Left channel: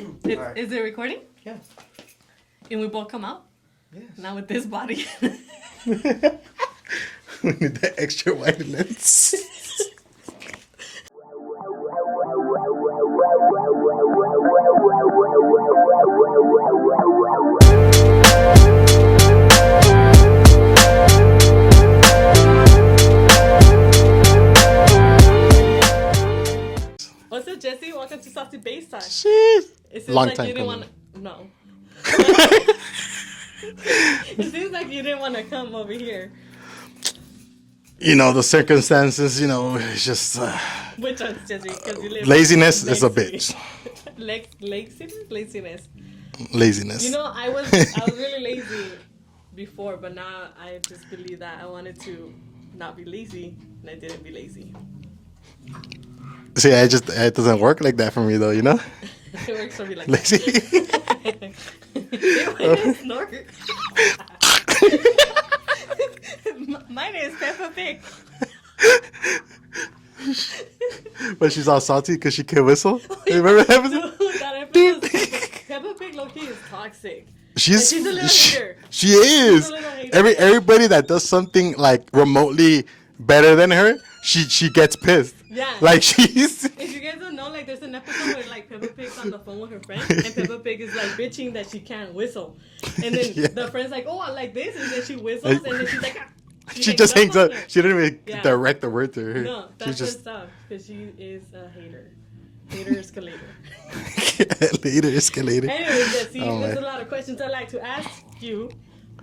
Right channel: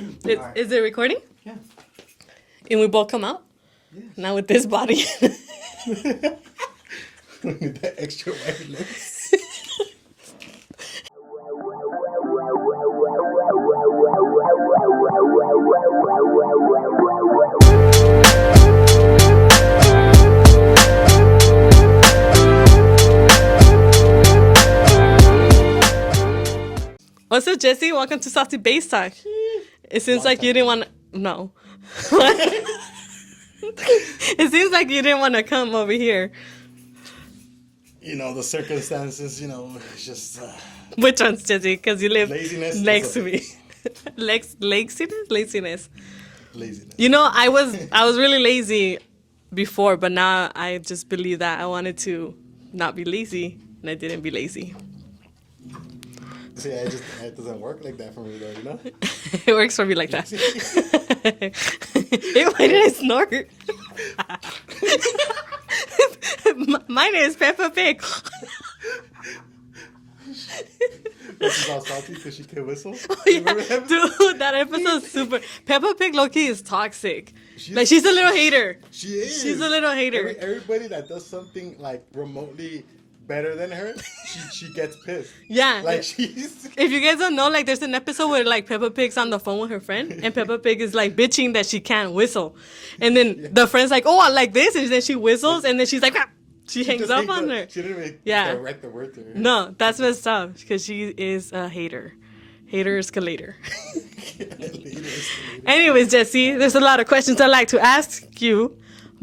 Right. Is it recording? Yeah. And we both come out? Yes. Now with this body. We need that extra wide lens. What's up, Jesse? Welcome to Saucy Bass Time. It seems Long like time you didn't want coming. to... No. It seems like you didn't want to come over here. You know, the circumstances, it's just Which one's, Jesse? Because you live laziness next is a to me. bitch. Laziness? Laziness. You know, I was really lazy before, but now I just believe that I wanted to not be lazy, and I didn't be lazy. See, it doesn't work like that for me, though, you know? It works for me like Lazy. that. Why did I snort? Mine is Peppa Pig. But she's all salty because she can't whistle. Do you remember that episode? Dude, that episode's super. Peppa Pig low-key is toxic. She's a little hater. She is. She's a little hater. Everybody that does something like remotely better than her, she gets pissed. Yeah. Like she's. If you guys don't know, like, there's an episode where, like, Peppa Pig's on the phone with her friend, and Peppa Pig is, like, bitching that she can't whistle. And then Yeah. the friend's like, oh, I like this, and then she whistles, and then she's like, ah. She just hangs on up. her. She didn't even Yeah. direct the word to her. No, that's She just- what's up, because she is a hater. Hater escalator. Later, escalator. Anyways, Jesse, Oh there's my- a lot of questions I'd like to ask you,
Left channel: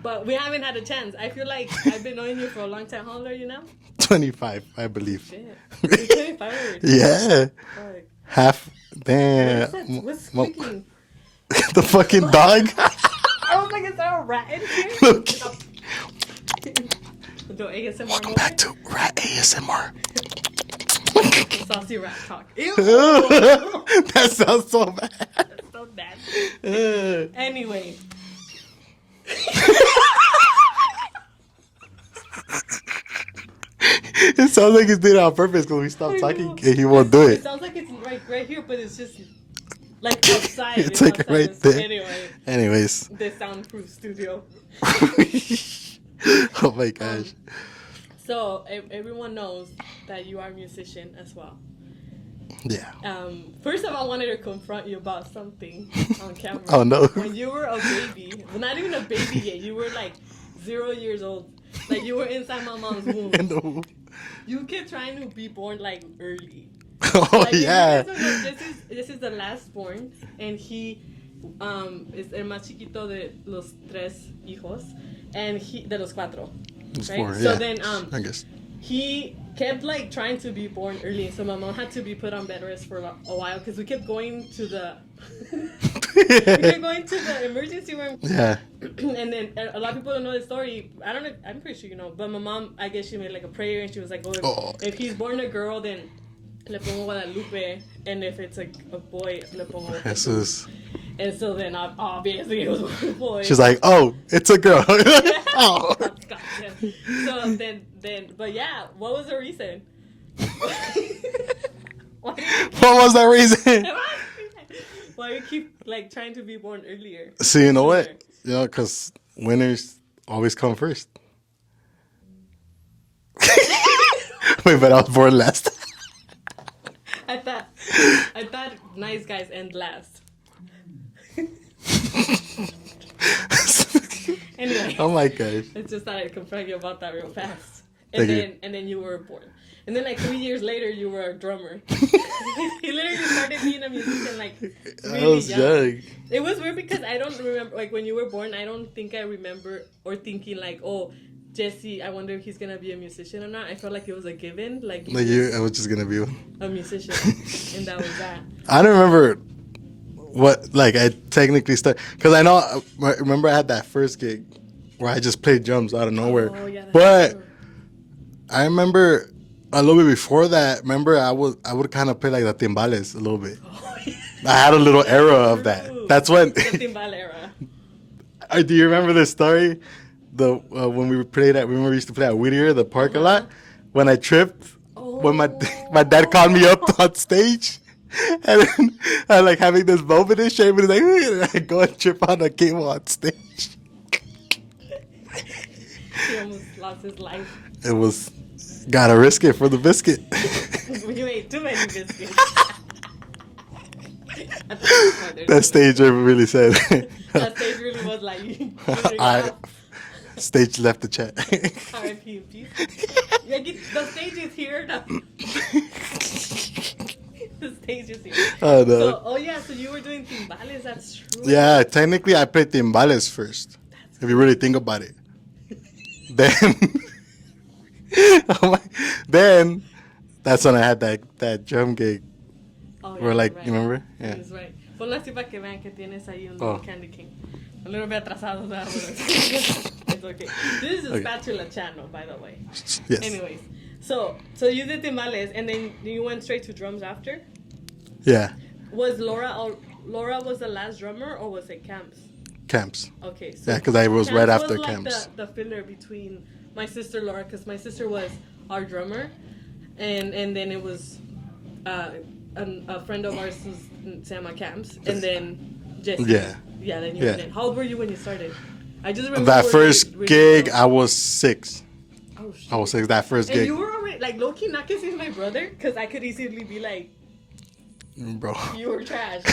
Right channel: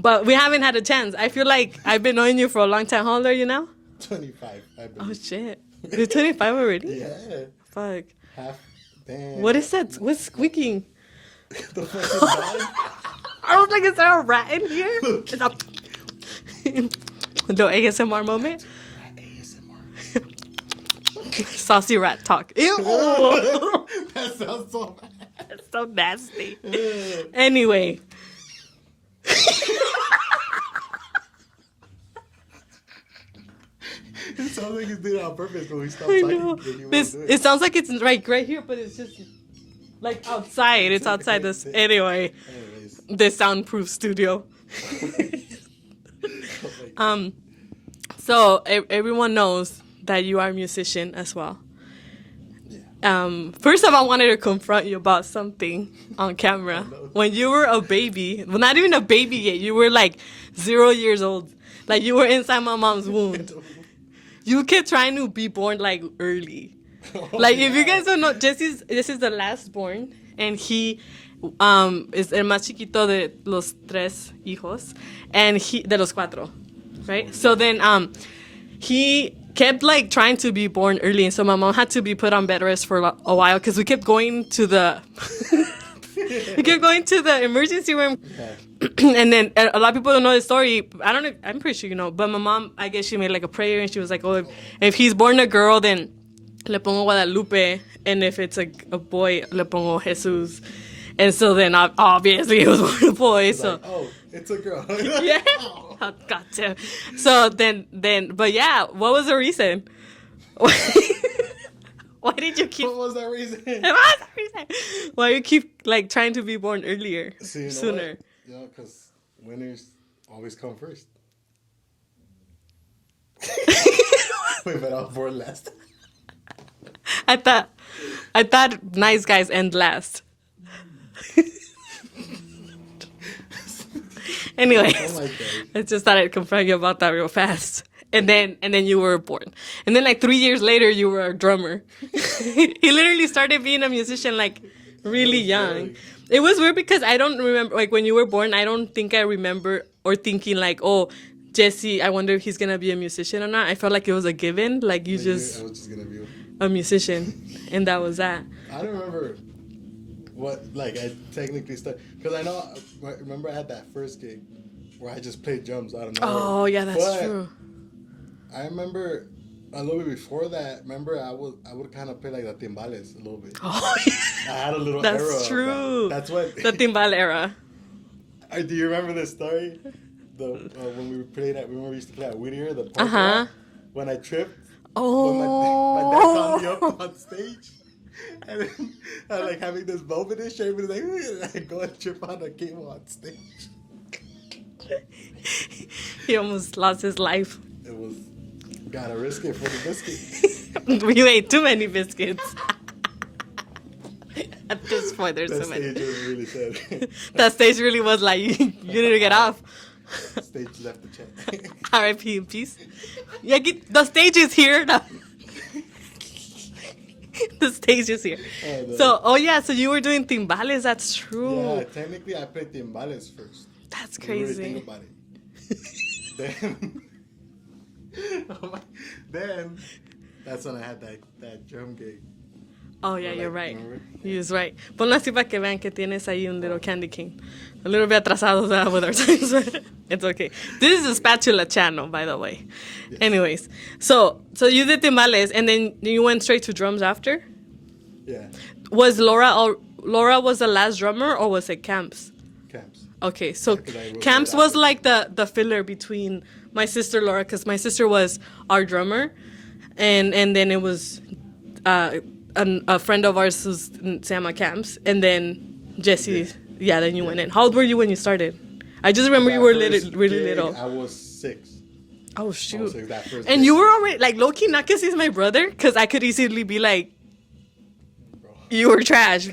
but we haven't had a chance. I feel like I've been knowing you for a long time. How old are you now? 25, I believe. Shit. You're 25 already. Yeah. Fuck. Half. Damn. What is that? What's squeaking? The fucking dog. I was like, is there a rat in here? Look. No ASMR Back moment? to rat ASMR. Saucy rat talk. Ew. That sounds so bad. That's so nasty. Anyway. It sounds like he's doing it on purpose because we stopped talking and he won't do It it. sounds like it's right here, but it's just like outside. It's like outside right this. there. Anyway, Anyways. the soundproof studio. Oh my gosh. So everyone knows that you are a musician as well. Yeah. First off, I wanted to confront you about something on camera. Oh, no. When you were a baby, well, not even a baby yet, you were like 0 years old. Like you were inside my mom's womb. No. You kept trying to be born like early. Oh, Like if you yeah. guys don't know, this is the last born, and he is el más chiquito de los tres hijos, and he de los cuatro, right? four, So yeah. then I guess. he kept like trying to be born early, and so my mom had to be put on bed rest for a while because we kept going to the we kept going to the emergency room. Yeah. And then a lot of people don't know the story. I don't know. I'm pretty sure you know. But my mom, I guess she made like a prayer, and she was like, "Oh, if he's born a girl, then le pongo Guadalupe, and if it's a boy, le pongo Jesus." And so then obviously it was born a boy. She's so- like, oh, it's a girl. Yeah. Oh. Gotcha. So then, but yeah, what was the reason? Why did you keep? What was that reason? Why you keep like trying to be born earlier? So you know sooner? what? You know, because winners always come first. Wait, but I was born last. I thought nice guys end last. Anyway, Oh my gosh. I just thought I'd confront you about that real fast. And Thank then you were born. And then like 3 years later you were a drummer. He literally started being a musician like really was young. young. It was weird because I don't remember like when you were born, I don't think I remember or thinking like, oh, Jesse, I wonder if he's gonna be a musician or not. I felt like it was a given. Like you Like just I was just gonna be. a musician. And that was that. I don't remember what like I technically started because I know. Remember, I had that first gig where I just played drums out of nowhere. Oh yeah, that's but true. I remember a little bit before that. Remember, I would kind of play like the timbales a little bit. Oh, yeah. I had a little That's era true. of that. That's when. The timbal era. Do you remember this story? The when we played at remember we used to play at Whittier, the parking lot. When I tripped, when my dad called me up on stage, And then I like having this moment in shape, and like, I go and trip on a cable on stage. He almost lost his life. It was, gotta risk it for the biscuit. You ate too many biscuits. At this point, there's That too many. stage really said. That stage really was like, you need to get off. Stage left the chat. R.I.P. in peace. Yeah, the stage is here. No. The stage is here. Oh, no. So you were doing timbales. That's true. Yeah, technically I played timbales first. That's If crazy. you really think about it. Then, then that's when I had that drum gig. Oh, yeah, Or like, you're right. remember? Yeah. He was right. Ponlo así para que vean que tienes ahí un little candy king. A little bit atrasados with our time. It's okay. This is a spatula channel, by the way. Yes. Anyways, so you did timbales, and then you went straight to drums after? Yeah, Was Laura was the last drummer, or was it Camps? camps. Okay, so Yeah, 'cause I was Camps right was after like Camps. the filler between my sister Laura, because my sister was our drummer, and then it was a friend of ours who's Sama Camps, and then Jesse. Yeah, then you went Yeah. in. How old were you when you started? I just remember That you were first really gig, little. I was 6. Oh shoot! I was 6 that first And gig. you were already like low key, not because he's my brother, because I could easily be like, Bro. you were trash,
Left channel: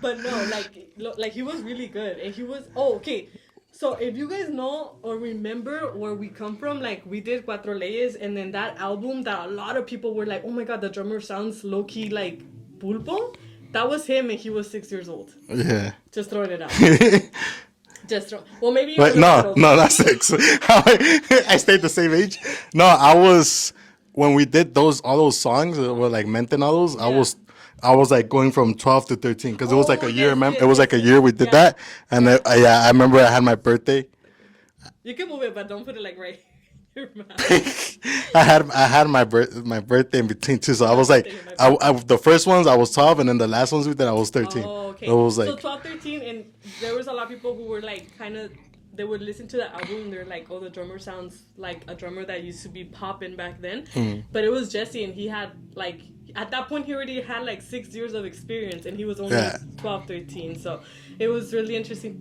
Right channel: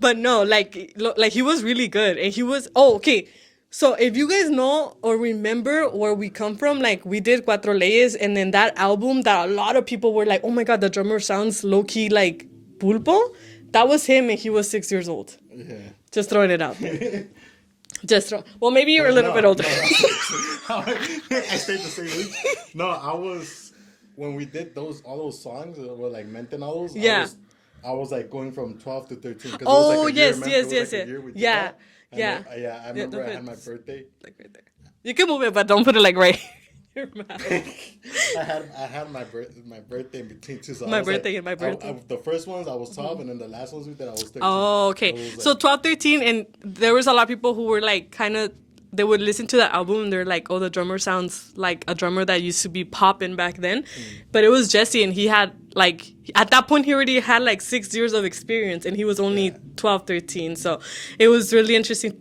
but no, like he was really good, and he was okay. So if you guys know or remember where we come from, like we did Cuatro Leyes, and then that album that a lot of people were like, oh my god, the drummer sounds low key like Pulpo. That was him, and he was 6 years old. Yeah. Just throwing it out. Well, maybe you're a But little bit older. no, not 6. I stayed the same age. No, I was, when we did all those songs, were like Mente and all those, Yeah. I was like going from 12 to 13 because it was like Oh, a year. yes, It was like a year we did yeah. that, and Yeah. I remember I had my birthday. You can move it, but don't put it like right. You're mad. I had my birthday in between too, so My I was birthday like, and my the first ones I was 12, and then the last ones we did I was 13. Oh, okay. So, it was So like, 12, 13, and there was a lot of people who were like kind of, they would listen to the album and they're like, oh, the drummer sounds like a drummer that used to be popping back then. But it was Jesse, and he had like, at that point he already had like 6 years of experience, and he was only Yeah. 12, 13. So it was really interesting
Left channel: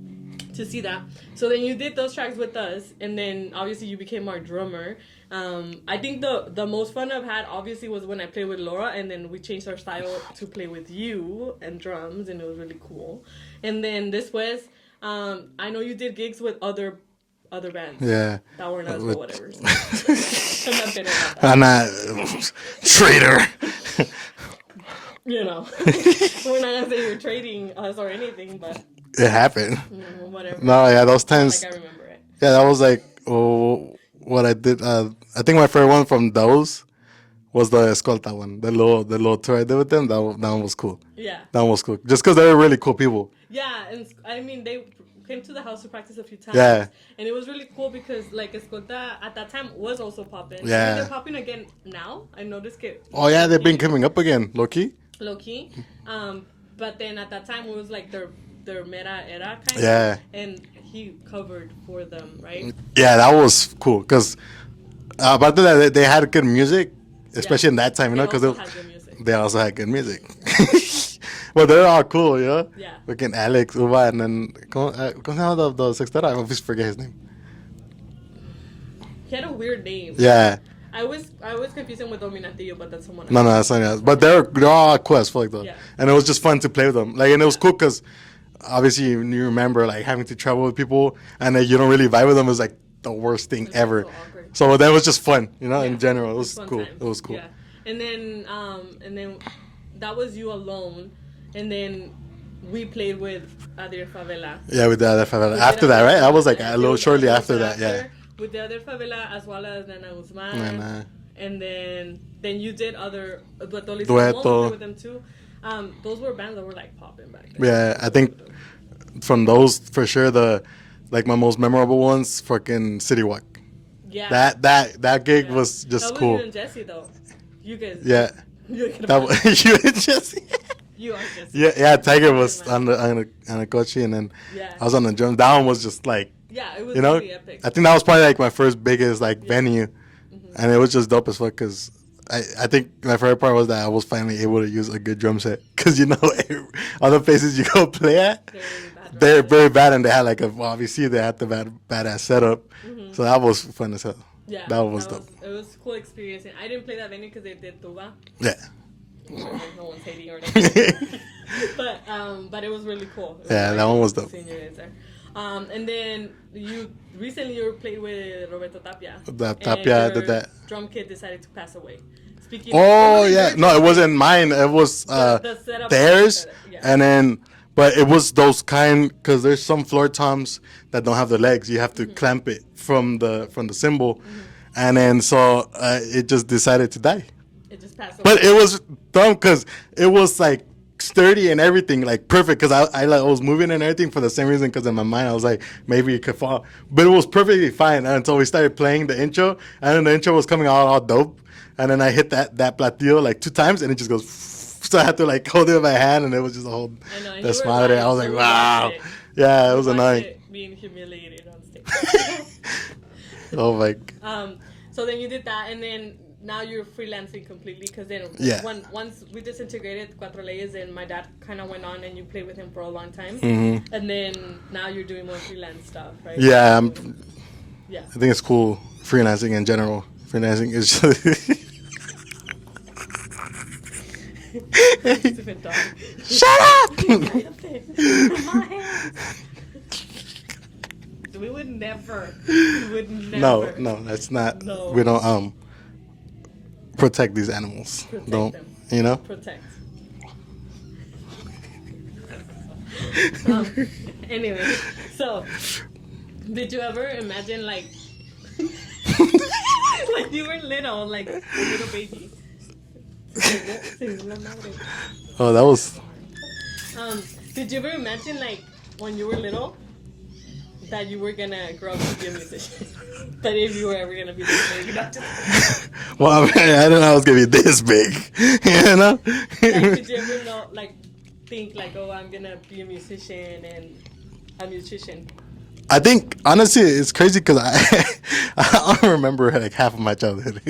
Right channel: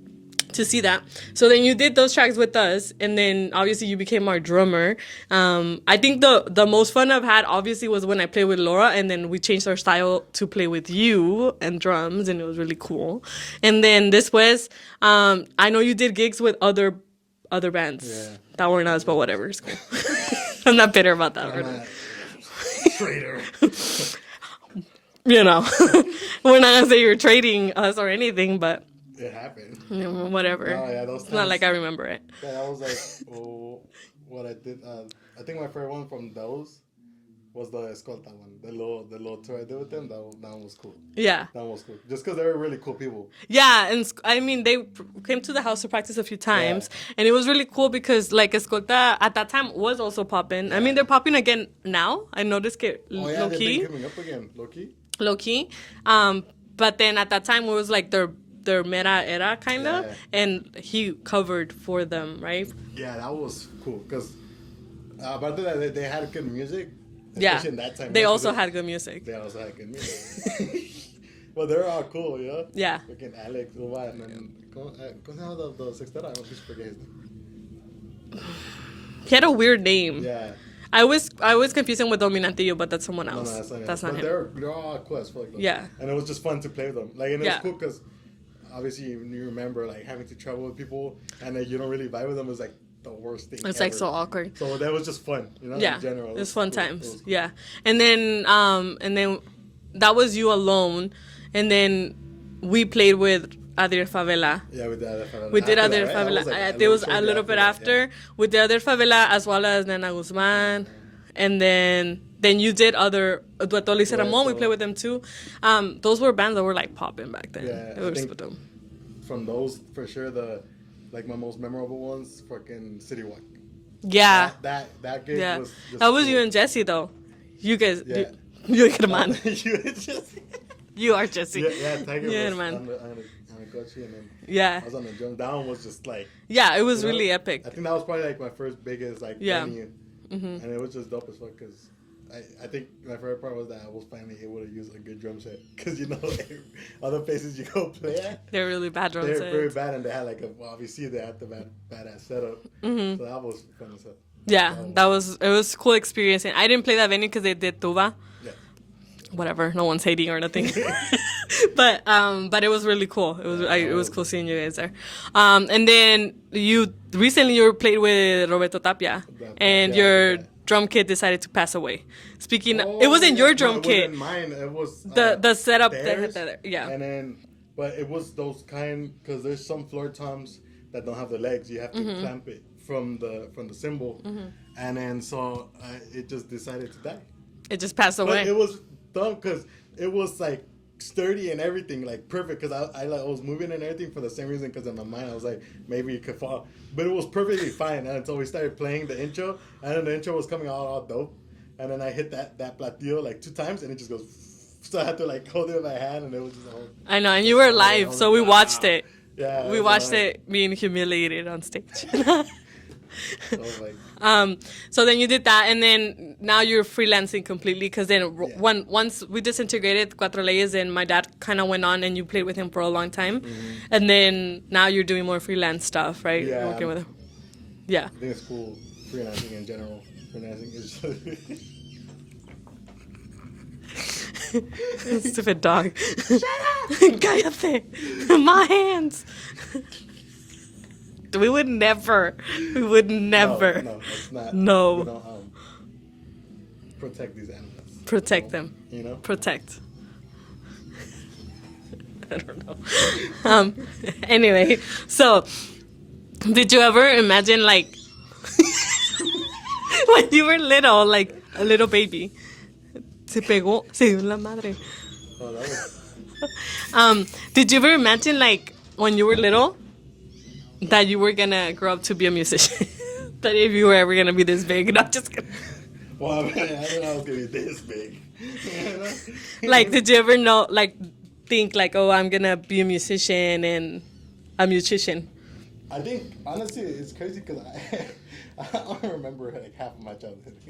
to see that. So then you did those tracks with us, and then obviously you became our drummer. I think the most fun I've had obviously was when I played with Laura, and then we changed our style to play with you and drums, and it was really cool. And then this was, I know you did gigs with other bands. Yeah. That weren't us, but whatever. I'm not bitter about that. I'm not traitor. You know, we're not gonna say you're trading us or anything, but It happened. you know, whatever. No, yeah, those Not times. like I remember it. Yeah, that was like what I did. I think my favorite one from those was the Escolta one, the little tour I did with them. That one was cool. Yeah. That one was cool, just because they were really cool people. Yeah, and I mean, they came to the house to practice a few times, Yeah. and it was really cool because like Escolta at that time was also popping. I Yeah. mean, they're popping again now. I noticed it. Oh yeah, they've been coming up again, Loki. low key. But then at that time it was like their mera era kind of, Yeah. and he covered for them, right? Yeah, that was cool because about that they had good music, especially in that time. They You know, 'cause also had good music. They also had good music. Well, they're all cool, you know? Yeah. Fucking Alex, Uva, and then, ¿cómo se llama the sextera? I always forget his name. He had a weird name. Yeah. I always confuse him with Dominantillo, but that's someone else. No, that's not else. not But him. they're all cool as fuck, though. Yeah. And it was just fun to play with them. Like, and it was Yeah. cool because obviously you remember, like, having to travel with people and then you don't really vibe with them is, like, the worst thing It's ever. like so awkward. So that was just fun, you know, Yeah. in general. It was fun cool. times. It was cool. Yeah. And then that was you alone. And then we played with Adriel Favela. Yeah, with the other favela. We did After that, Adriel right? I Favela. was like Yeah, a it little was shortly little after bit that. Yeah. with the other favela as well as Nena Guzman. Nena. And then you did other Dueto Luis Dueto. Ramon, we played with them too. Those were bands that were like popping back then. Yeah, I was think with them. from those, for sure, my most memorable ones, fucking City Walk. Yeah. That gig Yeah. was just that was cool. you and Jesse though. You guys. Yeah. You get a man. You and Jesse. You are Jesse. Yeah, Tiger You're was the man. on the coach, and then Yeah. I was on the drums. That one was just like, Yeah, it was you know, really epic. I think that was probably like my first biggest like Yeah. Mm-hmm. venue, and it was just dope as fuck because I think my favorite part was that I was finally able to use a good drum set. Because, you know, other places you go play at, They're really bad. they're very bad, and they had like obviously they had the badass setup. So that was fun as hell. Yeah, it was a cool experience. And I didn't play that venue because they did tuba. Yeah. Whatever, no one's hating or nothing. but it was really cool. It was cool seeing you guys there. And then you recently played with Roberto Tapia, and your drum kit decided to pass away. Speaking, it wasn't your drum kit. No, it wasn't mine. It was the setup. Theirs. Yeah. And then, but it was those kind, because there's some floor toms that don't have the legs. You have to clamp it from the cymbal, and then so it just decided to die. It just passed away. But it was dumb because it was like sturdy and everything, like perfect. Because I was moving and everything for the same reason. Because in my mind I was like, maybe it could fall, but it was perfectly fine until we started playing the intro, and then the intro was coming out all dope, and then I hit that platillo like 2 times, and it just goes. So I had to like hold it in my hand, and it was just a whole. I know, and you were live, so we watched it. Yeah, we watched it being humiliated on stage. Oh my. So then you did that, and then now you're freelancing completely, because then once we disintegrated Cuatro Leyes, and my dad kind of went on, and you played with him for a long time, and then now you're doing more freelance stuff, right? Yeah. Yeah. I think it's cool freelancing in general. Freelancing is just. Stupid dog. Shut up! Cállate! My hands! We would never. No, that's not. No. We don't protect these animals. Protect them. You know? Protect. I don't know. Anyway, so did you ever imagine, like, when you were little, like a little baby? Se dio la madre. Oh, that was. Did you ever imagine, like, when you were little, that you were gonna grow up to be a musician? That if you were ever gonna be this big, not just. Well, I didn't know I was gonna be this big. You know. Like, did you ever think like, oh, I'm gonna be a musician and a musician? I think honestly it's crazy because I don't remember like half of my childhood.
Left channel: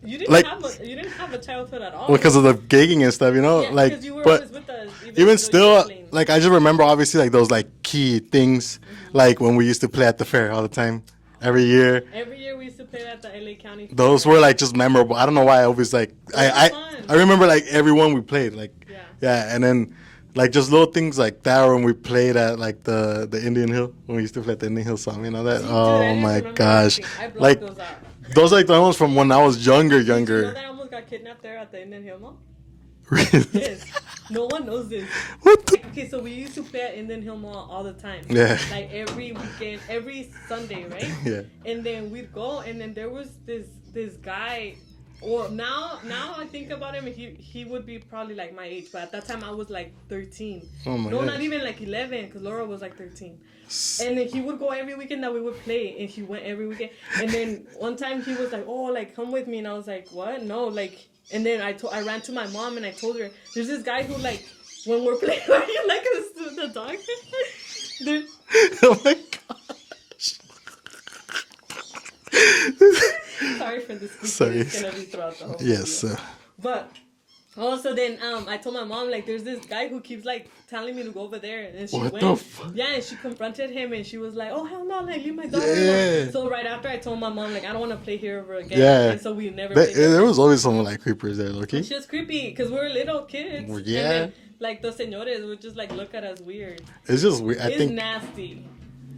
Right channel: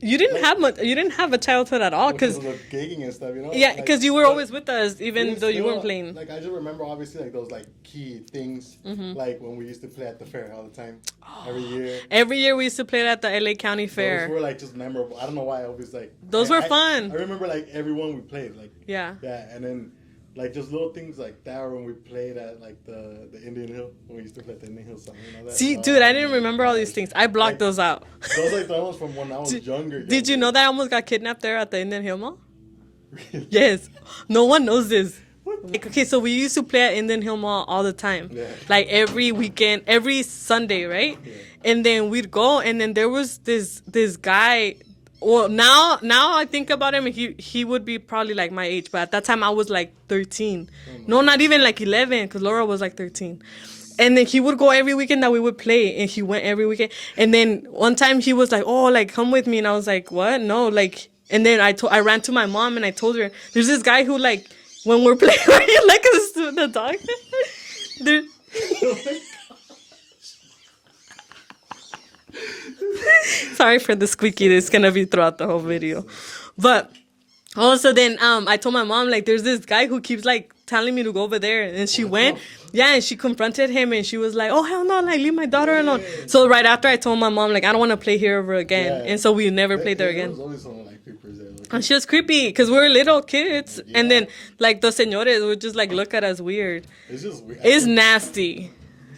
You didn't have much. You didn't have a childhood at all. Because of the gigging and stuff, you know. Yeah, because you were always with us, even still. You were playing. Like I just remember obviously like those like key things, like when we used to play at the fair all the time, every year. Every year we used to play at the LA County Fair. Those were like just memorable. I don't know why I always like. Those were fun. I remember like every one we played, like. Yeah. Yeah, and then. Like just little things like that when we played at like the Indian Hill, when we used to play at the Indian Hill song, you know that? See, dude, I didn't remember those things. I blocked like, those out. Those like the ones from when I was younger. Did you know that I almost got kidnapped there at the Indian Hill Mall? Really? Yes. No one knows this. What the? Like, okay, so we used to play at Indian Hill Mall all the time. Yeah. Like every weekend, every Sunday, right? Yeah. And then we'd go, and then there was this guy. Well, now I think about him, he would be probably like my age, but at that time I was like 13. Oh my no, gosh. not even like 11, because Laura was like 13. And then he would go every weekend that we would play, and he went every weekend. And then one time he was like, oh, like, come with me. And I was like, what? No, like, and then I ran to my mom, and I told her, there's this guy who, like, when we're playing, like the dog. Oh my God. Sorry for the squeaky. It's gonna be throughout the whole video. But also then I told my mom, like, there's this guy who keeps like telling me to go over there, and she went. Yeah, and she confronted him, and she was like, oh hell no, like, leave my daughter alone. So right after I told my mom, like, I don't want to play here ever again. Yeah. And so we never played there There again. was always someone like creepers there. Okay? And she was creepy because we were little kids. Well, yeah. And then like the señores would just like look at us weird. It's just weird. It's nasty.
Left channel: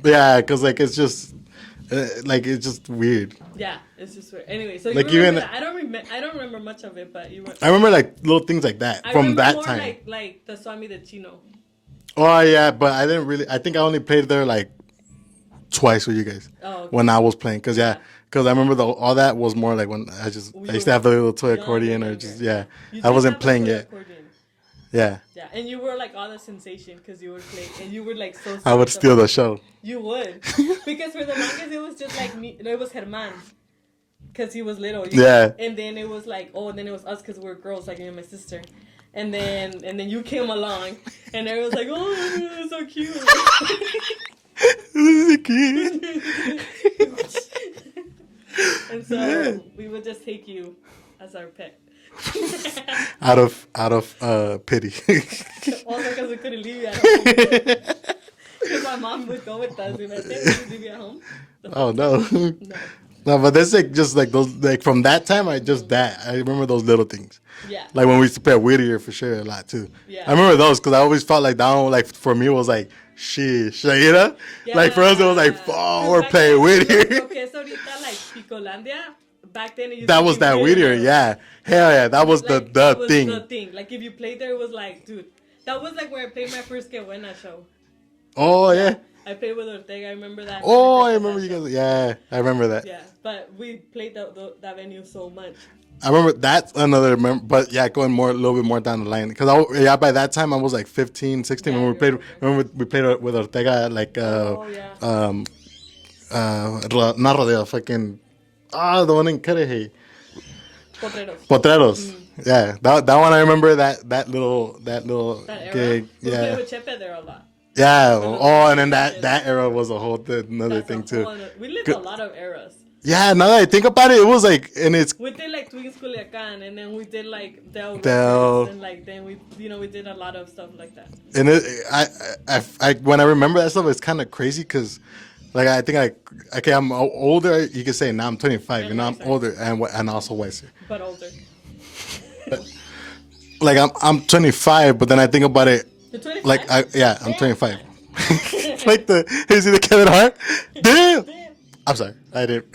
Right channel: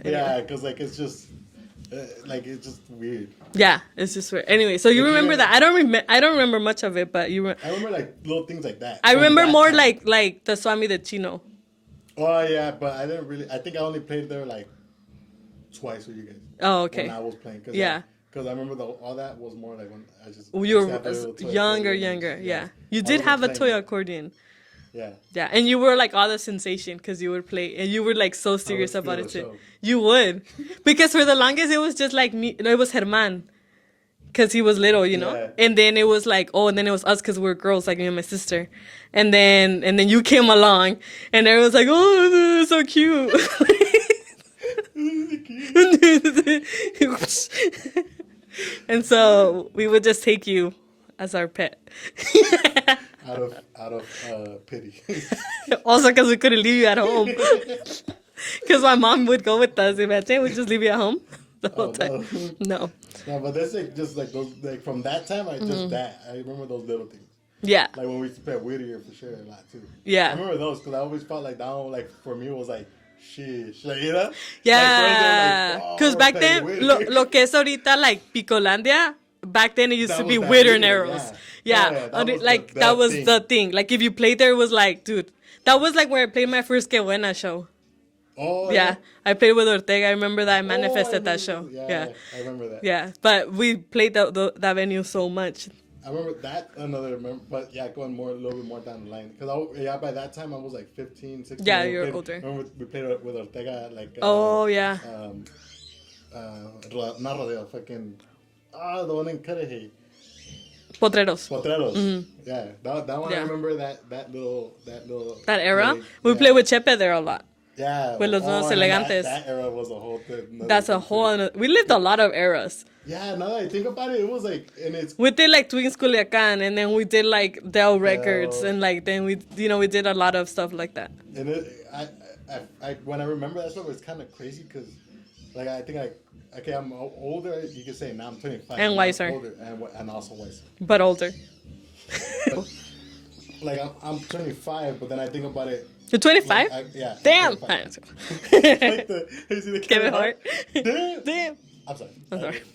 Yeah, because like it's just like it's just weird. Yeah, it's just weird. Anyway, so you Like, remember that? I don't remember much of it, but you. I remember like little things like that. I from remember that more time. like the Swami de Chino. Oh yeah, but I didn't really. I think I only played there like twice with you guys. Oh, okay. When I was playing, because Yeah. because I remember all that was more like when I used to have the little toy accordion. And just, You I did wasn't have a playing toy yet. accordion. Yeah. Yeah, and you were like all the sensation because you would play, and you were like so serious. I would steal about the it. show. You would, because for the longest it was just like me. It was Herman, because he was little, you know. Yeah. And then it was like, oh, and then it was us because we were girls, like me and my sister. And then you came along, and it was like, oh, this is so cute. And so we would just take you as our pet. Out of pity. Also, because we couldn't leave you at home. Because my mom would go with us. Imagine we just leave you at home. Oh no. No. No, but that's like just like those like from that time. I just that I remember those little things. Yeah. Like when we used to play at Whittier for sure a lot too. Yeah. I remember those because I always felt like that one, like for me was like sheesh, like, you know? Yeah. Like for us it was like, oh, we're back playing then, Whittier. lo que es ahorita like Picolandia, back then it used That to was be that Whittier. Whittier, yeah. Yeah, that And was like, the that was thing. the thing. Like if you played there, it was like, dude, that was like where I played my first Que Buena show. Oh yeah. I played with Ortega. I remember that. I Oh, I manifested remember that show. yeah, I remember that. Yeah, but we played that venue so much. I remember that's another but yeah, going a little bit more down the line because by that time I was like 15, 16 Yeah, when we you were played. older. Remember we played with Ortega like Oh yeah. not rodeo, fucking the one in Cudahy. Potreros. Potreros. Yeah, that one I remember that little That era. like, We yeah. played with Chepe there a lot. Yeah. with los And then Elegantes. that era was a whole That's a whole. We lived a lot of eras. Yeah, now that I think about it, it was like, and it's We did like Twins Culiacan, and then we did like Dell Del. Records, and like then we did a lot of stuff like that. and I when I remember that stuff, it's kind of crazy because, like, I think okay, I'm older. You can say now I'm 25, And I'm wiser. older and also wiser. But older. Like I'm 25, but then I think about it. You're 25. Like I'm Damn. 25. Like you see the Kevin Hart? Damn. Damn. I'm sorry, I didn't.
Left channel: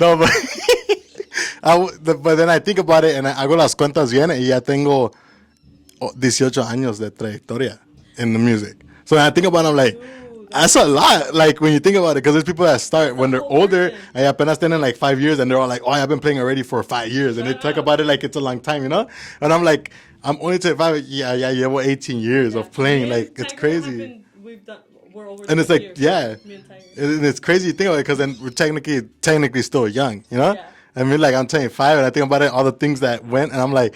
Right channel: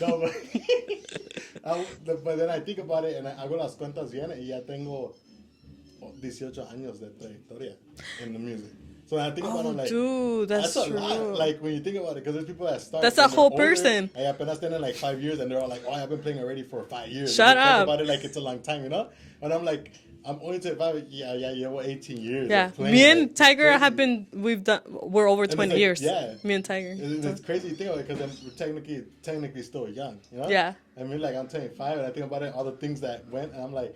No, but but then I think about it and I hago las cuentas bien y ya tengo 18 años de trayectoria in the music. So when I think about it, I'm like, Dude, that's a lot. Like when you think about it, because there's people that start That's a when they're whole older person. and apenas tienen like 5 years and they're all like, oh, I've been playing already for 5 years. Shut and they talk up. about it like it's a long time, you know? And I'm like, I'm only 25. Yeah, llevo 18 years Yeah. of playing. Me and like, it's Tiger have crazy. we're over And 20 it's like, years. yeah. Me and Tiger. And it's crazy to think about it because then we're technically still young, you know? Yeah. I mean, like I'm 25 and I think about it, all the things that went, and I'm like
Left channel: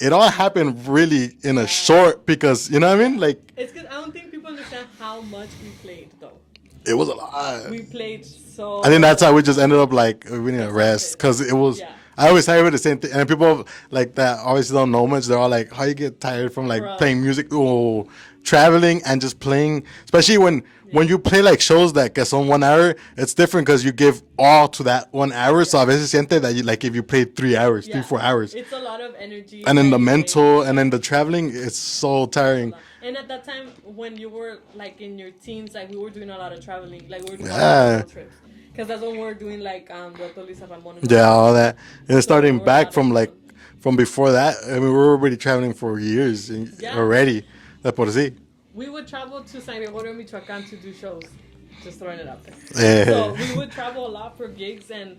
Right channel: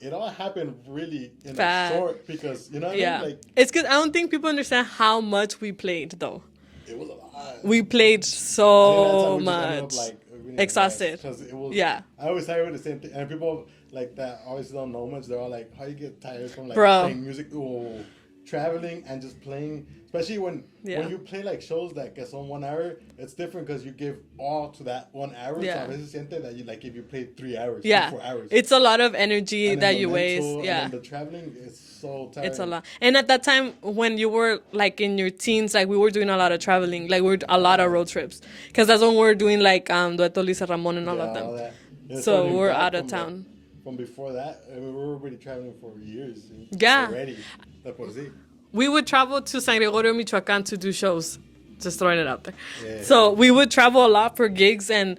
it all happened really in a Fast. short because you know what I mean? Yeah. Like It's because I don't think people understand how much we played though. it was a lot. We played so. I think that's how we just ended up much. like we need to Exhausted. rest because it was. Yeah. I always say the same thing, and people like that obviously don't know much. They're all like, "How you get tired from like Bro. playing music, or traveling, and just playing?" Especially when you play like shows that son 1 hour, it's different because you give all to that 1 hour. So Yeah. a veces siente that you like if you played 3 hours, Yeah. 4 hours, It's a lot of energy. and then that the you mental, waste. and Yeah. then the traveling, it's so It's a tiring. lot. And at that time, when you were like in your teens, like we were doing a lot of traveling, like we were a lot of Yeah. road trips, because that's when we were doing like Dueto Lisa Ramon and all Yeah, that. all that. And So starting we're back out of from like town. from before that, I mean, we were already traveling for years Yeah. already. De por sí. We would travel to San Gregorio, Michoacan to do shows. Just throwing it out there. Yeah. So we would travel a lot for gigs, and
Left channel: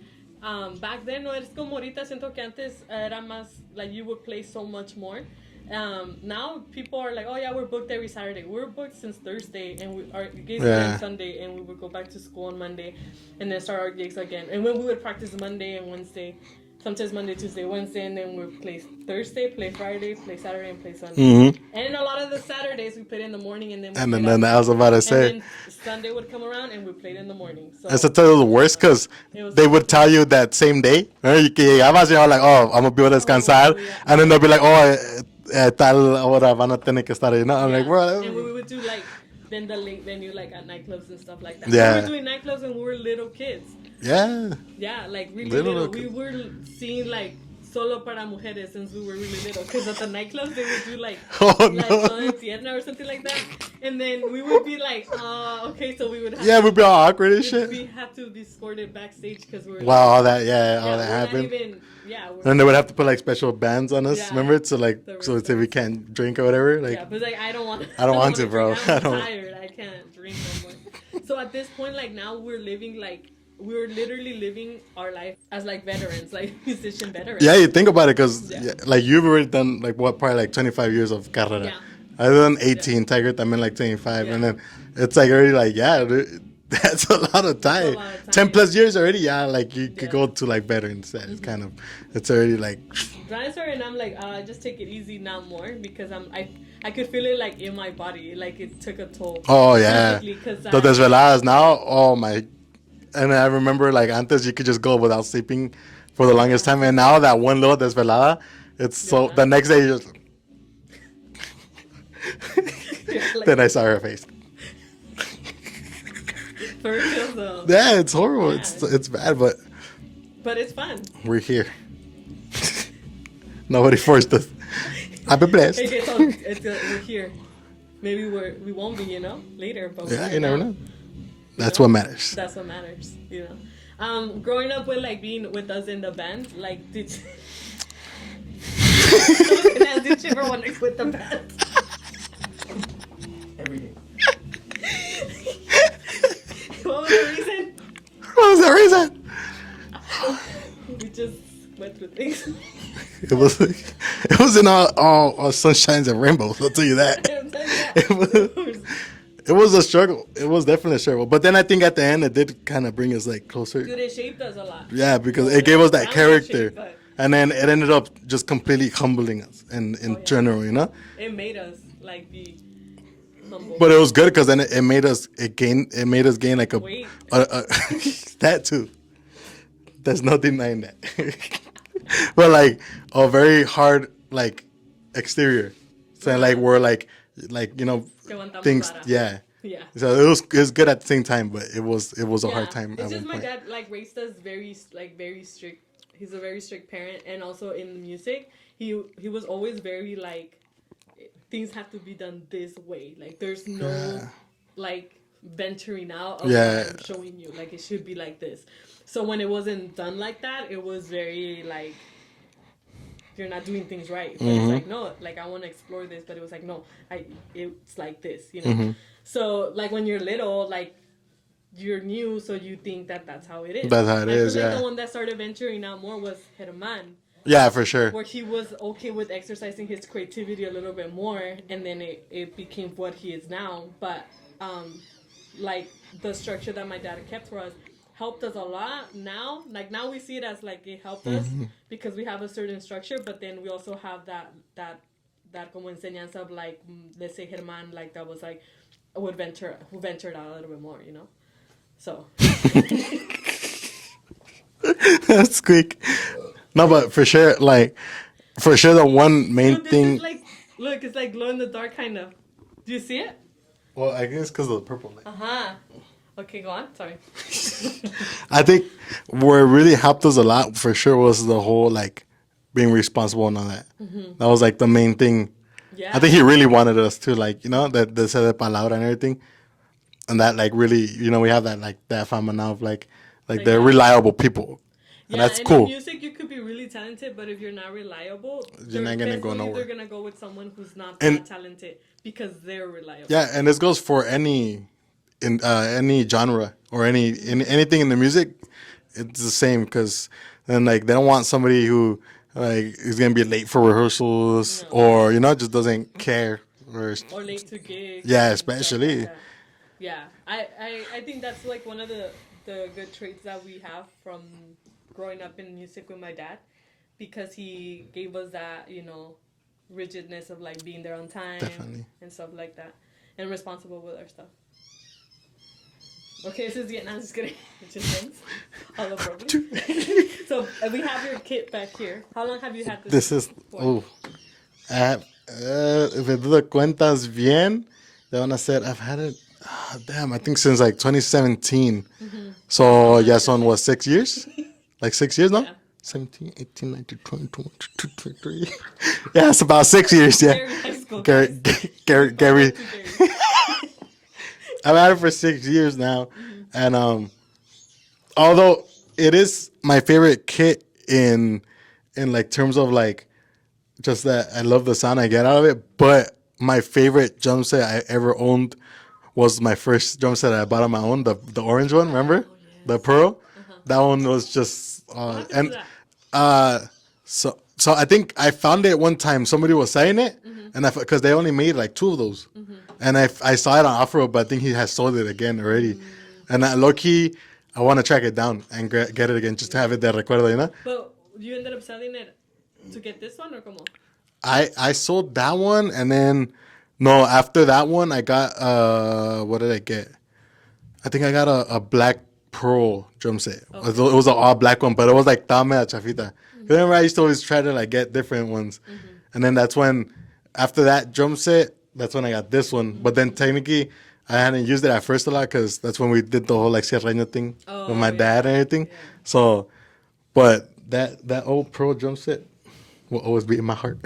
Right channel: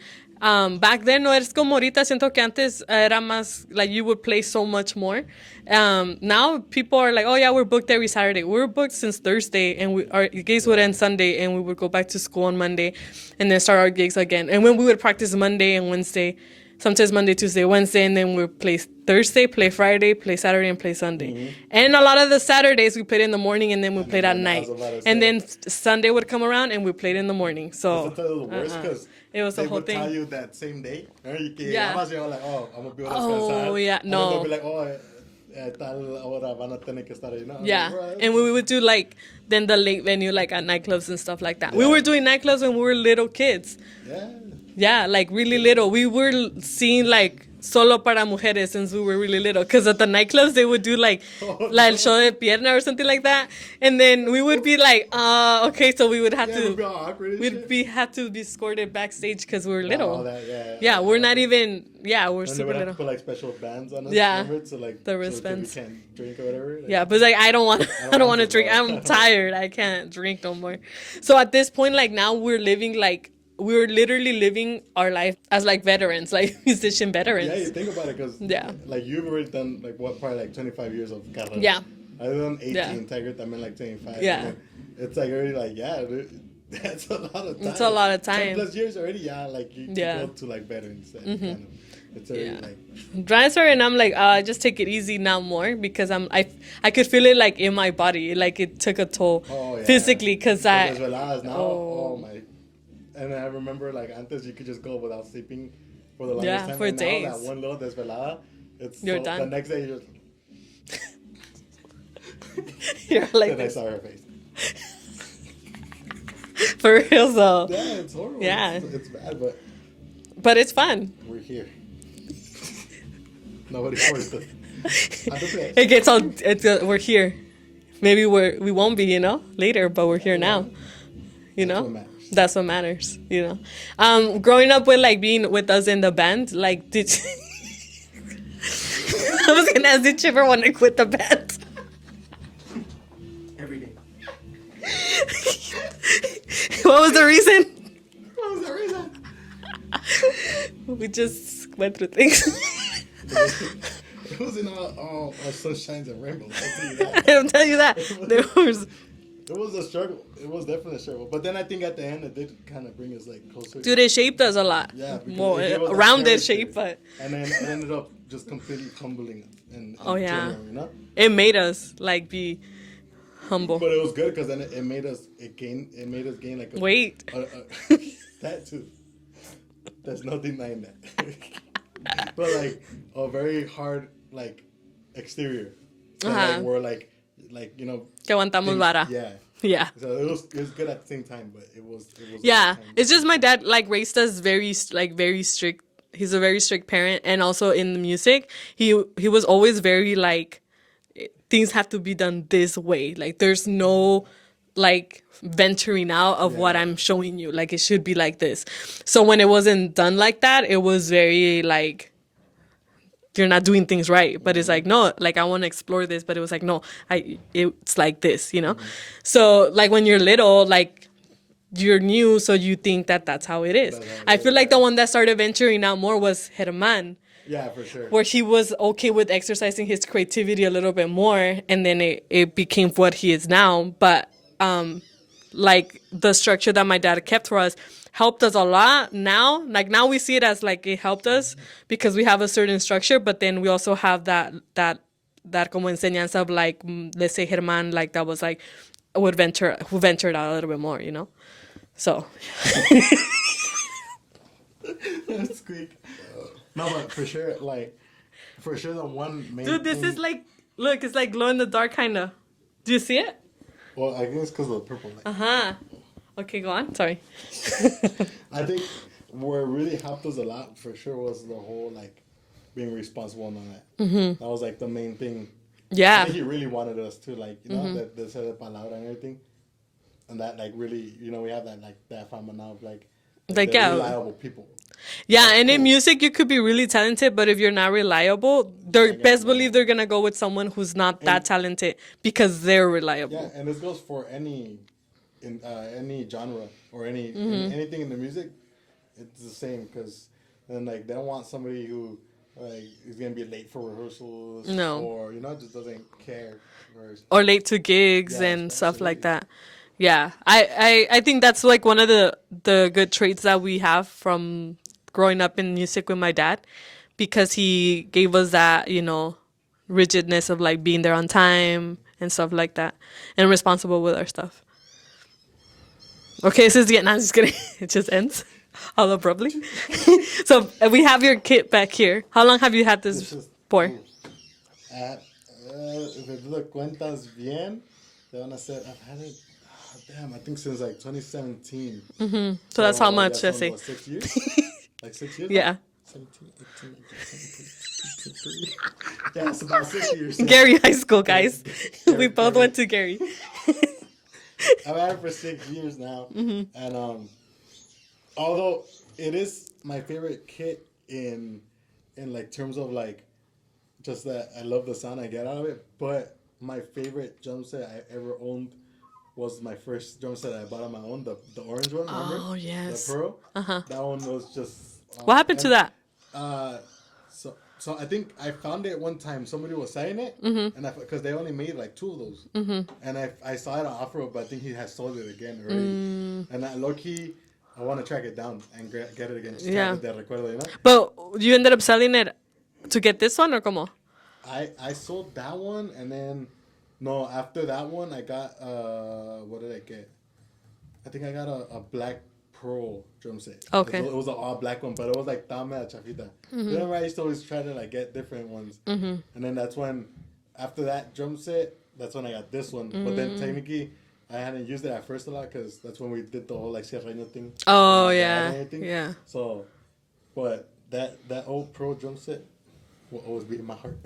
back then no es como ahorita. Siento que antes era más like you would play so much more. Now people are like, oh yeah, we're booked every Saturday. We were booked since Thursday, and our gigs would end Yeah. Sunday, and we would go back to school on Monday, and then start our gigs again. And when we would practice Monday and Wednesday, sometimes Monday, Tuesday, Wednesday, and then we would play Thursday, play Friday, play Saturday, and play Sunday. And a lot of the Saturdays we played in the morning, and then we And played then at night. I was about to say. And then Sunday would come around, and we played in the morning. So That's the worst because It was they the would whole tell thing. you that same day. Remember, you que llegabas, you're like, oh, I'm going to be able to descansar. Oh, yeah, And then they'll be no. like, oh, tal hora van a tener que estar ahí. No, I'm yeah, like, bro. and we would do like then the late venue like at nightclubs and stuff like that. Yeah. We were doing nightclubs when we were little kids. Yeah. Yeah, like really Little. little. We were seeing like solo para mujeres since we were really little. Because at the nightclubs they would do like Oh, like no. show de pierna or something like that, and then we would be like, okay, so we would have Yeah, to we'd be all awkward and shit. we had to be escorted backstage because we were Wow, little. all that, yeah. all Yeah, that we're not happened. even. Yeah, we're. And they would so have to little. put like special bands on us, Yeah. remember? So like, The so if we wristbands. can't drink or whatever. Like, Yeah, but it's like I don't want. I don't want want to to, drink. bro. I I'm don't- tired. I can't drink no more. So at this point, like now, we're living like we're literally living our life as like veterans, like musician veterans. Yeah, you think about it because Yeah. like you've already done like what, probably like 25 years of carrera. Yeah. I've done 18, Yeah. Tiger también like 25. Yeah. And then it's like already like, yeah, dude, that's a lot of time. a lot of 10 time. plus years already, yeah, like you Yeah. could go to like veterans. That's kind of, it's already like, Transfer, and I'm like, just take it easy now more because I could feel it like in my body, like it took a toll. oh yeah. Physically, because But desveladas now, Oh. oh my. And I remember like antes you could just go without sleeping for the longest Yeah, time. for And now that days. one little desvelada, it's You're so done. the next day you just You're like, then I saw her face. for real though. Yeah, it's horrible. Yeah. It's bad, but But it's fun. we're here. Nobody forced us. I've been blessed. It gets on. We're here. Maybe we won't be, later, but we're Yeah, here you now. know, you That's know? what matters. That's what matters, Growing up with being with us in the band, did you... I was gonna ask, did you ever want to quit the band? Every day. What was the reason? What was the reason? We just went through things. It wasn't all sunshines and rainbows. I'll tell you that. I'll tell you that. It was a struggle. It was definitely a struggle. But then I think at the end it did kind of bring us closer. Dude, it shaped us a lot. Yeah, because Well, it gave us that rounded character. shape, but And then it ended up just completely humbling us in Oh, yeah. general, you know? it made us be humble. But it was good because then it made us gain like a Weight. that too. There's no denying that. But a very hard exterior. So Uh-huh. we're Que aguantamos things, vara. yeah. Yeah. So it was good at the same time, but it was a hard Yeah, time. it's at just one my point. dad raised us very strict. He's a very strict parent, and also in the music, he was always very things have to be done this way. There's no venturing out of what Yeah. I'm showing you. It should be like this. So when it wasn't done like that, it was very you're not doing things right. But it's no, I want to explore this. But it was no, it's like this, So when you're little, you're new, so you think that that's how it is. That's how it I feel is, like the yeah. one that started venturing out more was Herman, Yeah, for sure. where he was okay with exercising his creativity a little bit more, and then it became what he is now. But the structure that my dad kept for us helped us a lot now. Now we see it as it helped us because we have a certain structure, but then we also have that como enseñanza of let's say Herman, that was who ventured out a little bit more, So That's quick. No, but for sure, the one main dude, this thing. is look, it's glow in the dark kind of. Do you see it? Well, I guess because of the purple light. Huh. Okay, go on. Sorry. I think where it really helped us a lot for sure was the whole being responsible and all that. That was the main thing. Yeah. I think he really wanted us to that the se de palabra and everything, and that really we have that fama now of they're yeah. reliable people. Yeah, That's and cool. in music you could be really talented, but if you're not reliable, they're ain't gonna best go believe nowhere. they're gonna go with someone who's not that talented because they're reliable. Yeah, and this goes for any genre or anything in the music. It's the same because then they don't want somebody who is gonna be late for rehearsals No. or just doesn't care Or late to gigs Yeah, and stuff especially. like that. Yeah, I think that's one of the good traits that we have from growing up in music with my dad, because he gave us that rigidness of being there on time and stuff like that, and responsible with our stuff. Okay, this is the end. I'm just kidding. It just ends all abruptly. So we have your kit back here. How long have you had this, This is for? if I do the cuentas bien, they van a ser. I've had it. I think since 2017. So that's how much, yeah, let's so say. what, 6 years? 6 years now? Yeah. 17, 18, 19, 20, 22, 23. Yeah, it's about 6 years. Yeah. Gary High School, Gary- guys. Gary- We both Gary. went to Gary. I've had it for 6 years now, and although it is my favorite kit in terms of just that I love the sound I get out of it, but my favorite drum set I ever owned was my first drum set I bought on my own, the orange one. Remember? Oh, yes. The pearl. That one was just. What happened to that? So I think I found it one time. Somebody was selling it, and because they only made 2 of those, and I saw it on offer, but I think he has sold it again already. And low key, I want to track it down and get it again, just to have Yeah. it de recuerdo, But you ended up selling it to get this one, or como? I sold that one, and then no, after that one, I got what did I get? I think I got a black Pro drum set. Okay. It was an all black one, but it was like Tame Chafita. Remember, I used to always try to like get different ones, and then that's when, after that drum set, that's when I got this one. But then technically, I hadn't used it at first a lot because that's when we did the whole like Sierreño thing with my dad and everything. Yeah. So, but that old Pro drum set will always be in my heart.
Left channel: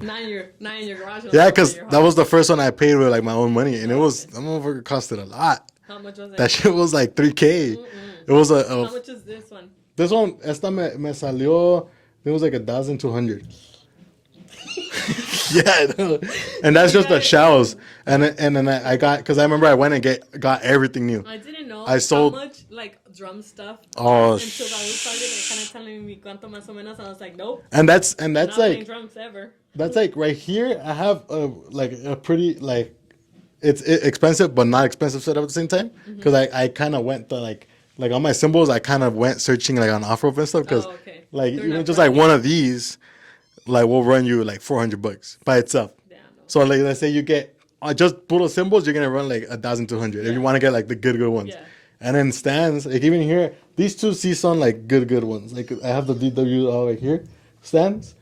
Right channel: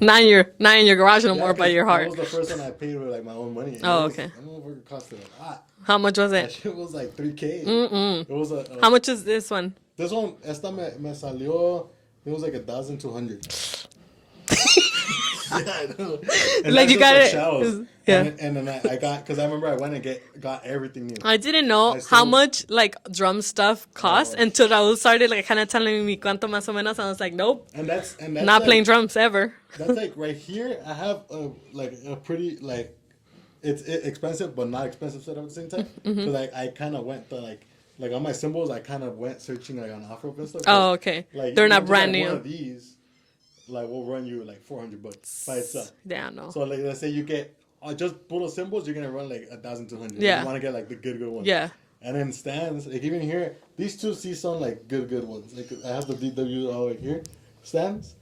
not in your garage no Yeah, more, but because your heart. that was the first one I paid with like my own money, and Oh, it was okay. that motherfucker costed a lot. How much was That it? shit was like $3,000. It was a How much is this one? this one. Esta me salió. It was like 1,200. Yeah, and Like, that's you just got the it- shells. yeah. And then I got, because I remember I went and got everything new. I didn't know I how sold- much like drum stuff cost Oh, until Raul started like kind of telling me cuánto más o menos, and I was like, nope, And that's not like, playing drums ever. That's like right here. I have a pretty like it's expensive but not expensive setup at the same time, because I kind of went to like on my cymbals I kind of went searching like on off-road and stuff. 'Cause, Oh, okay. Like They're even not just brand like one new. of these, like will run you like $400 by itself. Yeah, no. So like let's say you get just puro cymbals, you're gonna run like 1,200. Yeah. And you want to get like the good ones. Yeah. And then stands, like even here, these two C-Son like good ones. Like I have the DW all like here stands,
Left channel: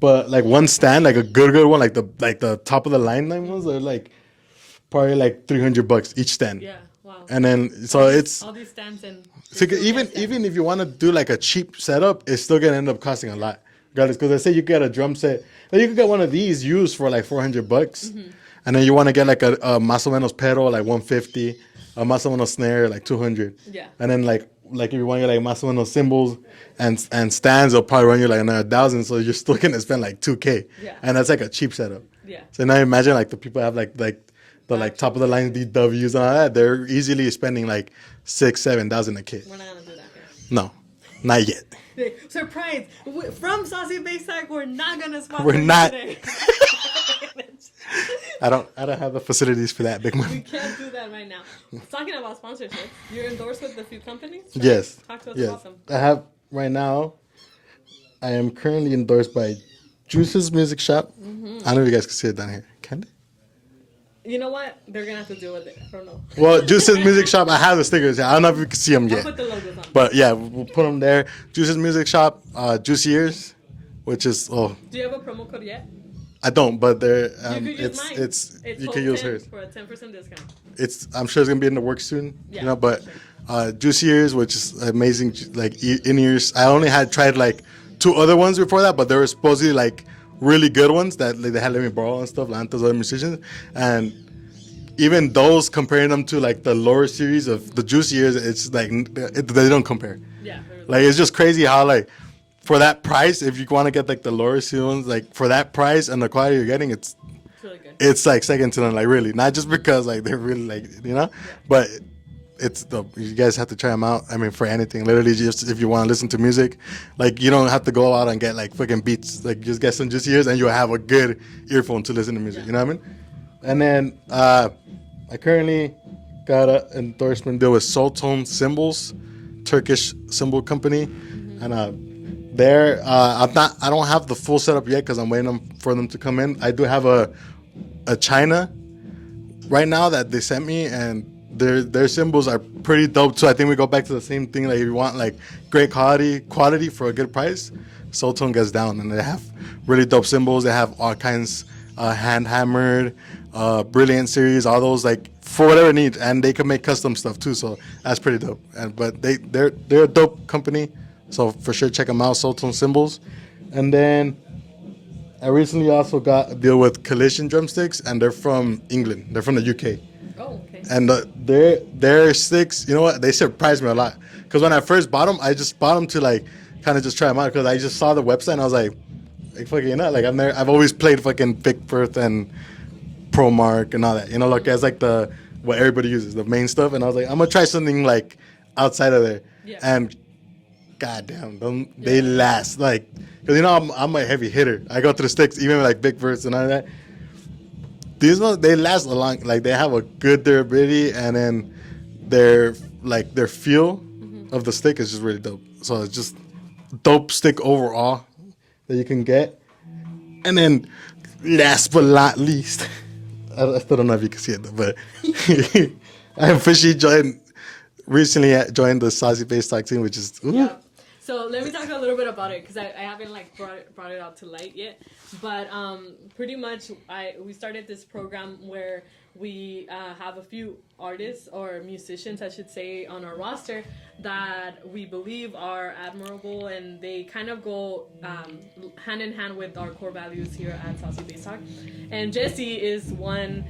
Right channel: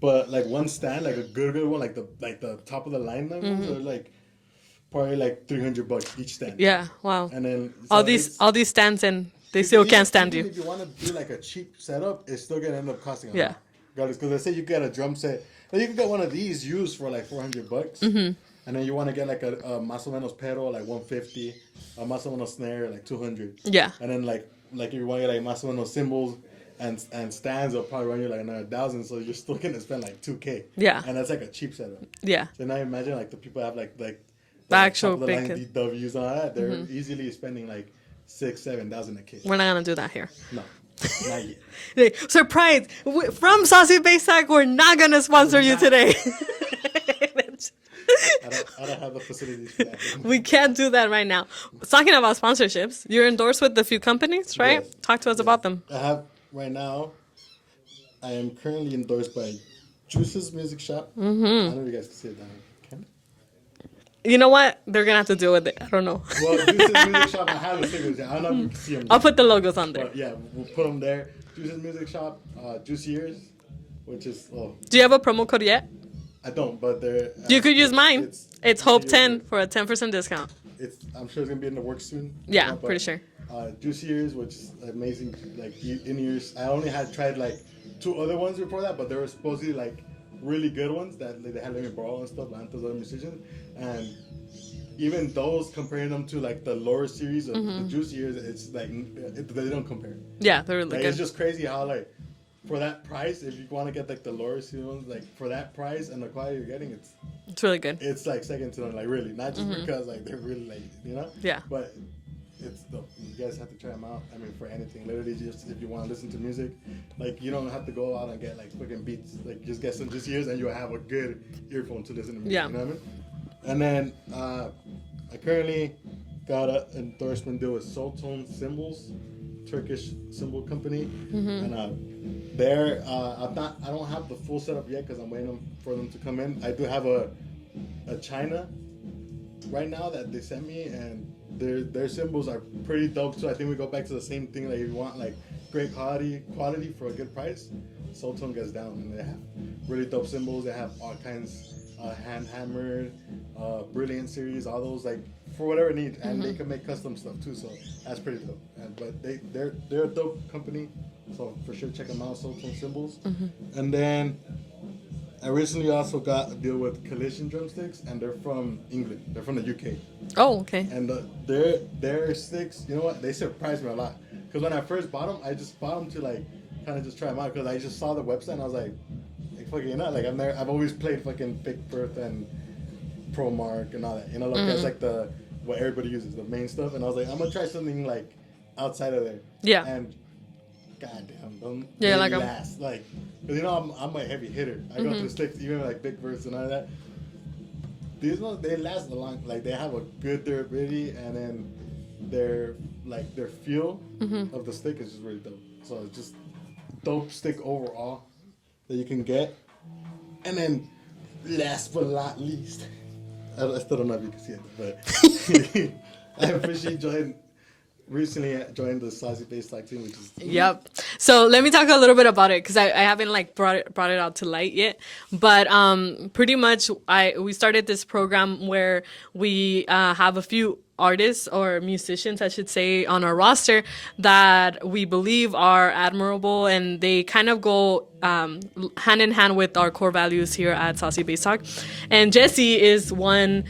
but like one stand, like a good one, like the top of the line ones are like probably like $300 each stand. Yeah, wow. And then so it's all these stands and they so still even, can't stand even you. if you want to do like a cheap setup, it's still gonna end up costing a Yeah. lot. Regardless, because let's say you get a drum set, like you can get one of these used for like $400, Mm-hmm. and then you want to get like a más o menos pedal like 150, a más o menos snare like 200. Yeah. And then like if you want to get like más o menos cymbals and stands, it'll probably run you like another 1,000. So you're still gonna spend like $2,000. Yeah. And that's like a cheap setup. Yeah. So now imagine like the people have like the like, actual top of the line big- DWs and all that. They're easily spending like 6,000-7,000 a kit. We're not gonna do that here. No, not yet. Hey, surprise! From Saucy Baysack, we're not gonna sponsor We're you not. today. I don't have the facilities for that big money. We can't do that right now. Talking about sponsorships, you're endorsed with a few companies, right? Yes. Talk to us Yes. about them. I have right now. I am currently endorsed by Juice's Music Shop. Mm-hmm. I don't know if you guys can see it down here. Can they? You know what? They're gonna have to deal with it. I don't know. Well, Juice's Music Shop. I have the stickers. I don't know if you can see them yet. I'll put the logos on there. But yeah, we'll put them there. Juice's Music Shop. Juicy Ears, which is Do you have a promo code yet? I don't, but they're. You could use mine. It's you can Hope use 10 hers. for a 10% discount. I'm sure it's gonna be in the works soon. Yeah, but, for sure. Juicy Ears, which is amazing, like in ears. I only had tried like 2 other ones before that, but they were supposedly like really good ones that like, they had let me borrow and stuff, like other musicians, and even those comparing them to like the lower series of the Juicy Ears, it's like they don't compare. Yeah, they're Like it's just crazy how like for that price, if you want to get like the lower series ones, like for that price and the quality you're getting, it's really good. like second to none, like really, not just because like they're really like Yeah. but it's dope. You guys have to try them out. I mean, for anything, literally, just if you want to listen to music, like you don't have to go out and get like fucking beats. Like just get some Juicy Ears and you'll have a good earphone to listen to music. Yeah. You know what I mean? And then I currently got an endorsement deal with Soultone Cymbals, Turkish cymbal company, and I don't have the full setup yet because I'm waiting for them to come in. I do have a China right now that they sent me, and their cymbals are pretty dope too. I think we go back to the same thing. Like if you want like great quality for a good price, Soultone gets down, and they have really dope cymbals. They have all kinds, hand hammered, Brilliant series, all those like for whatever need, and they can make custom stuff too. So that's pretty dope. But they're a dope company. So for sure, check them out, Soultone Cymbals. And then I recently also got a deal with Collision Drumsticks, and they're from England. They're from the UK. Oh, okay. And their sticks, you know what? They surprised me a lot. Because when I first bought them, I just bought them to like kind of just try them out. Because I just saw the website and I was like fucking, you know, like I've always played fucking Vic Firth and ProMark and all that. You know, like that's like what everybody uses, the main stuff. And I was like, I'm gonna try something like outside of there. Yeah. And goddamn, Yeah, they like last. Like, because you know I'm a heavy hitter. I go through the sticks, even like Vic Firth and all that. These ones, they last a long, like they have a good durability, and then their feel of the stick is just really dope. So it's just dope stick overall that you can get. And then last but not least, I still don't know if you can see it though, but I officially joined recently joined the Saucy Bass Talk team, which is Yep. So let me talk a little bit about it because I haven't like brought it out to light yet. But pretty much we started this program where we have a few artists or musicians, I should say, on our roster that we believe are admirable, and they kind of go hand in hand with our core values here at Saucy Bass Talk. And Jesse is one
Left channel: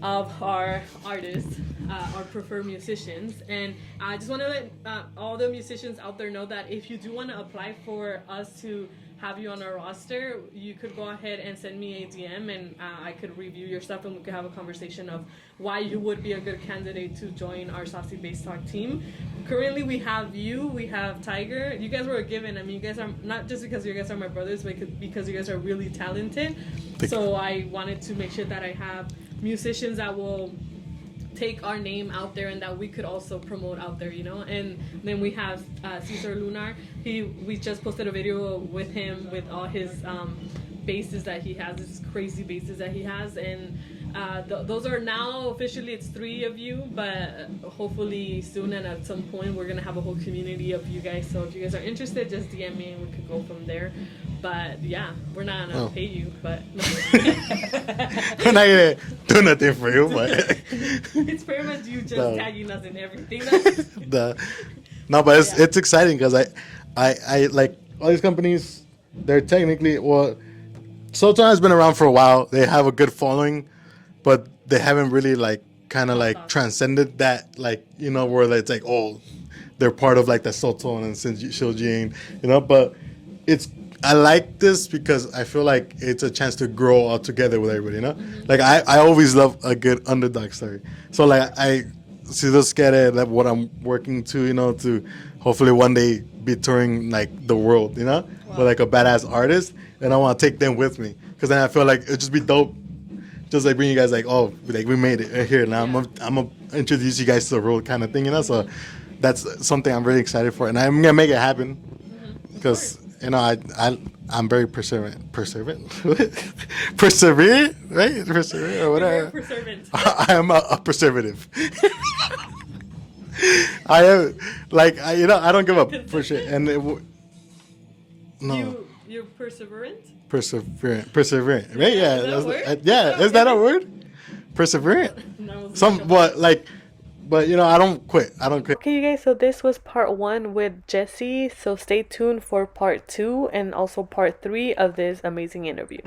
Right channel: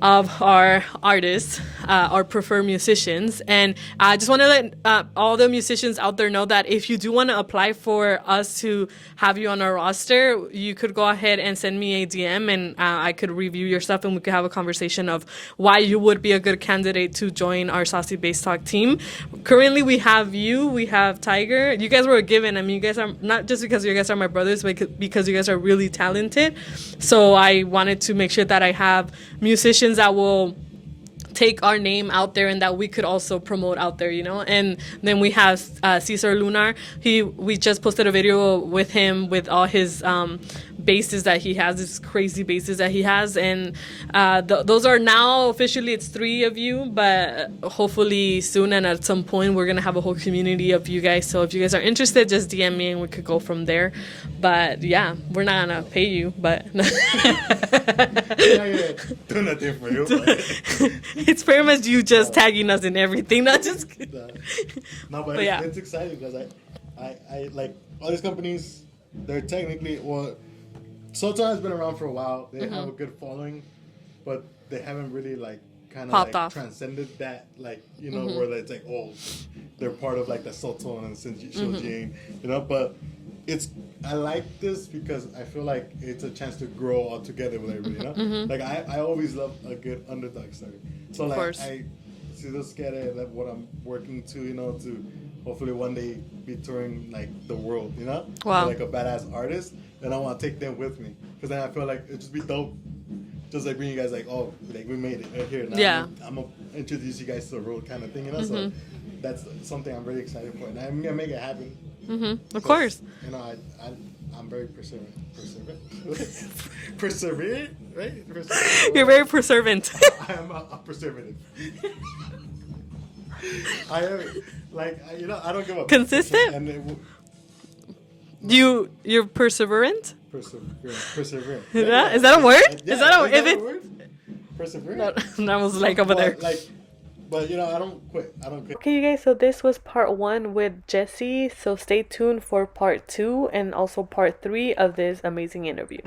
of our artists, our preferred musicians. And I just want to let all the musicians out there know that if you do want to apply for us to have you on our roster, you could go ahead and send me a DM, and I could review your stuff, and we could have a conversation of why you would be a good candidate to join our Saucy Bass Talk team. Currently, we have you, we have Tiger. You guys were a given. I mean, you guys are, not just because you guys are my brothers, but because you guys are really talented. So I wanted to make sure that I have musicians that will take our name out there and that we could also promote out there, you know. And then we have Cesar Lunar. We just posted a video with him with all his basses that he has, these crazy basses that he has, and those are now officially, it's 3 of you, but hopefully soon and at some point we're gonna have a whole community of you guys. So if you guys are interested, just DM me and we could go from there. But yeah, we're not gonna pay you, but I'm not gonna do nothing for you, but it's pretty much you just tagging us in everything. That's just no, but it's exciting because I like all these companies. They're technically, well, Sultan has been around for a while. They have a good following, but they haven't really like kind of like transcended that, like, you know, where it's like, oh, they're part of like the Sultan and Shoji, you know. But I like this because I feel like it's a chance to grow all together with everybody, you know. Like I always love a good underdog story. So like I see this get like what I'm working to, you know, to hopefully one day be touring like the world, you know, with, like a badass artist, and I want to take them with me because then I feel like it'd just be dope, just like bring you guys like, oh, like we made it here now. I'm gonna introduce you guys to the world kind of thing, you know. So that's something I'm really excited for, and I'm gonna make it happen. Of course. You know, I'm very perseverant, right? Perseverant. You're very perseverant. I am a preservative. I am you know, I don't give up. Consistent. And you're perseverant. Perseverant. Yeah. Is that a word? Yeah. Is that a word? Perseverant. That was but you know, I don't quit. Okay, you guys, so this was part 1 with Jesse. So stay tuned for part 2 and also part 3 of this amazing interview.